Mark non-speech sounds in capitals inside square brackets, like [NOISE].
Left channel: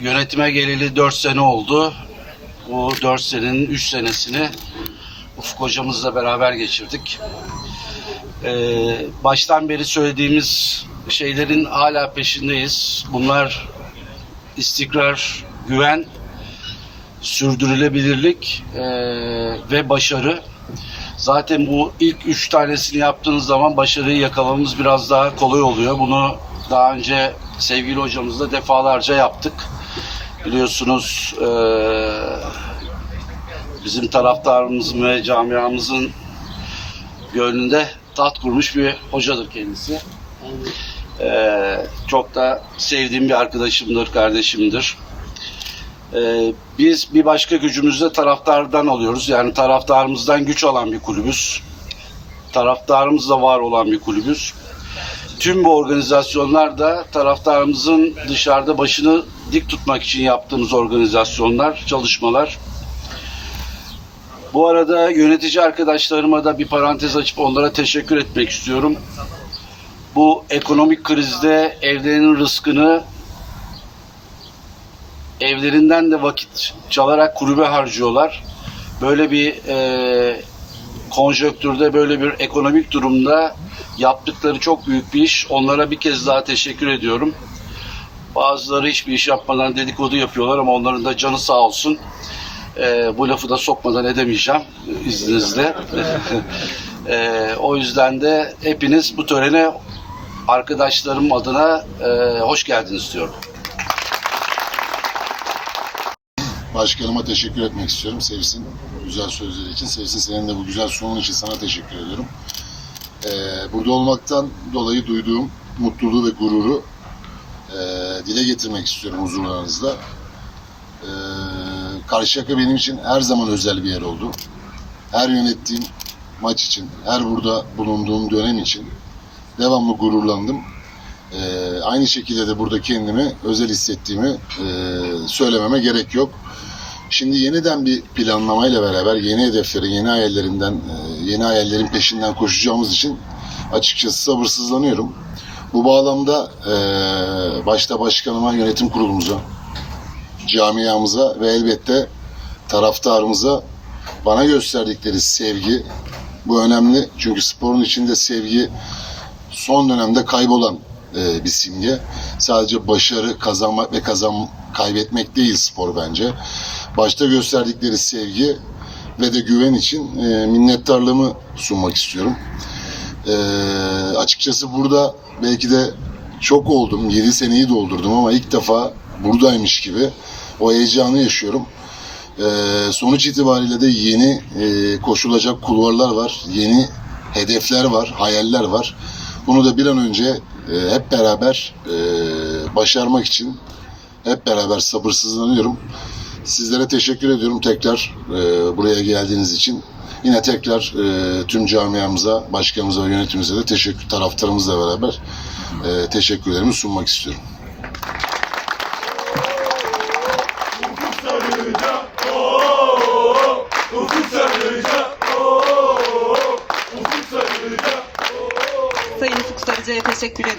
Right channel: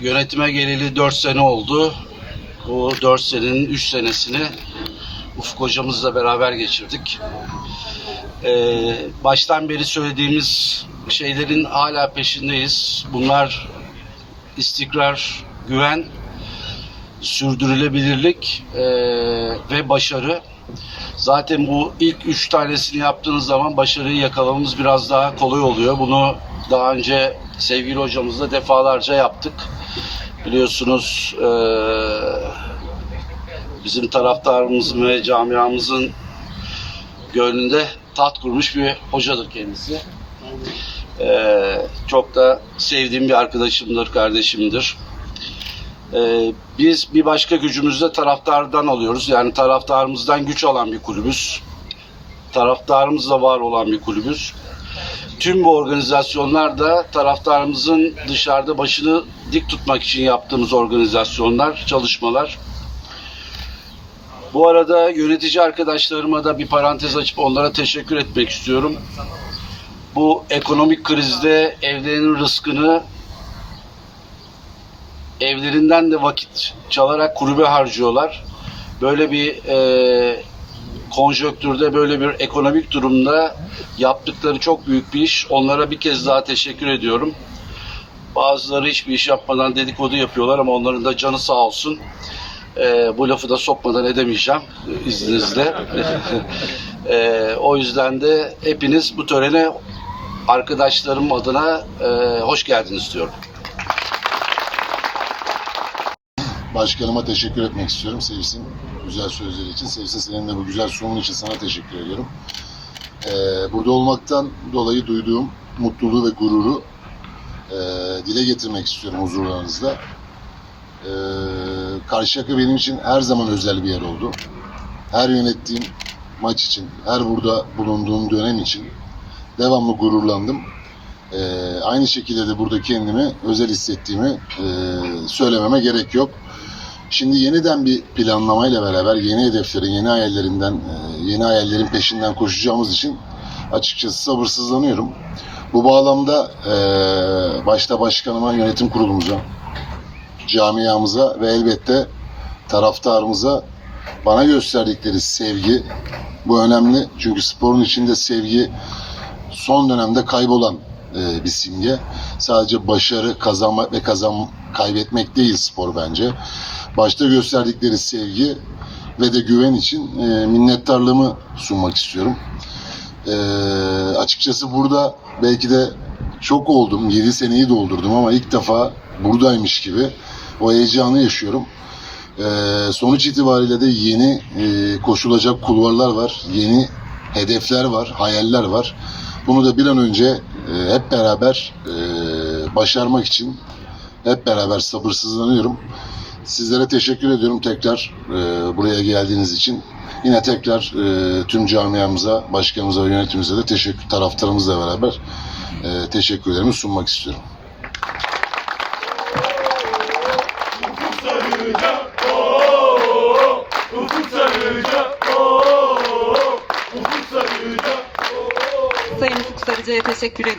Yönetime geleli 4 sene oldu. Bu 4 senenin 3 senesini Ufuk hocamızla beraber geçirdik. Ee, baştan beri söylediğimiz şeylerin hala peşindeyiz. Bunlar istikrar, güven, sürdürülebilirlik ee, ve başarı. Zaten bu ilk üç tanesini yaptığınız zaman başarıyı yakalamamız biraz daha kolay oluyor. Bunu daha önce sevgili hocamızla defalarca yaptık. Biliyorsunuz eee, bizim taraftarımızın ve camiamızın gönlünde taht kurmuş bir hocadır kendisi. Eee, çok da sevdiğim bir arkadaşımdır, kardeşimdir. Ee, biz bir başka gücümüzü taraftardan alıyoruz. Yani taraftarımızdan güç alan bir kulübüz. Taraftarımızla var olan bir kulübüz. Tüm bu organizasyonlar da taraftarımızın dışarıda başını dik tutmak için yaptığımız organizasyonlar, çalışmalar. Bu arada yönetici arkadaşlarıma da bir parantez açıp onlara teşekkür etmek istiyorum. Bu ekonomik krizde evlerinin rızkını evlerinden de vakit çalarak kulübe harcıyorlar. Böyle bir e, konjöktürde, böyle bir ekonomik durumda yaptıkları çok büyük bir iş. Onlara bir kez daha teşekkür ediyorum. Bazıları hiçbir iş yapmadan dedikodu yapıyorlar ama onların da canı sağ olsun. E, bu lafı da sokmadan edemeyeceğim izninizle. [LAUGHS] E, o yüzden de hepiniz bu törene arkadaşlarım adına e, hoş geldiniz diyorum. Başkanıma teşekkür etmek istiyorum. Sevsin güzel sözleri için. Sevsin senin de bu güzel sunumun için sana teşekkür ediyorum. Ee, burada olmaktan dolayı duyduğum mutluluğu ve gururu e, dile getirmek istiyorum huzurlarınızda. Ee, Karşıyaka benim için her zaman özel bir yer oldu. Her yönettiğim maç için, her burada bulunduğum dönem için devamlı gururlandım. Ee, aynı şekilde de burada kendimi özel hissettiğimi e, söylememe gerek yok. Şimdi yeniden bir planlamayla beraber yeni hedeflerin, yeni hayallerinden, e, yeni hayallerin peşinden koşacağımız için açıkçası sabırsızlanıyorum. Bu bağlamda e, başta başkanıma, yönetim kurulumuza, camiamıza ve elbette taraftarımıza bana gösterdikleri sevgi bu önemli. Çünkü sporun içinde sevgi son dönemde kaybolan e, bir simge. Sadece başarı kazanmak ve kazan kaybetmek değil spor bence. Başta gösterdikleri sevgi ve de güven için e, minnettarlığımı sunmak istiyorum. E, açıkçası burada belki de çok oldum, 7 seneyi doldurdum ama ilk defa buradaymış gibi o heyecanı yaşıyorum. E, sonuç itibariyle de yeni e, koşulacak kulvarlar var, yeni hedefler var, hayaller var. Bunu da bir an önce e, hep beraber e, başarmak için hep beraber sabırsızlanıyorum. Sizlere teşekkür ediyorum tekrar e, buraya geldiğiniz için. Yine tekrar e, tüm camiamıza, başkanımıza ve yönetimimize de teşekkür, taraftarımızla beraber e, teşekkürlerimi sunmak istiyorum. Sayın Ufuk Sarıcı'ya teşekkür ediyorum.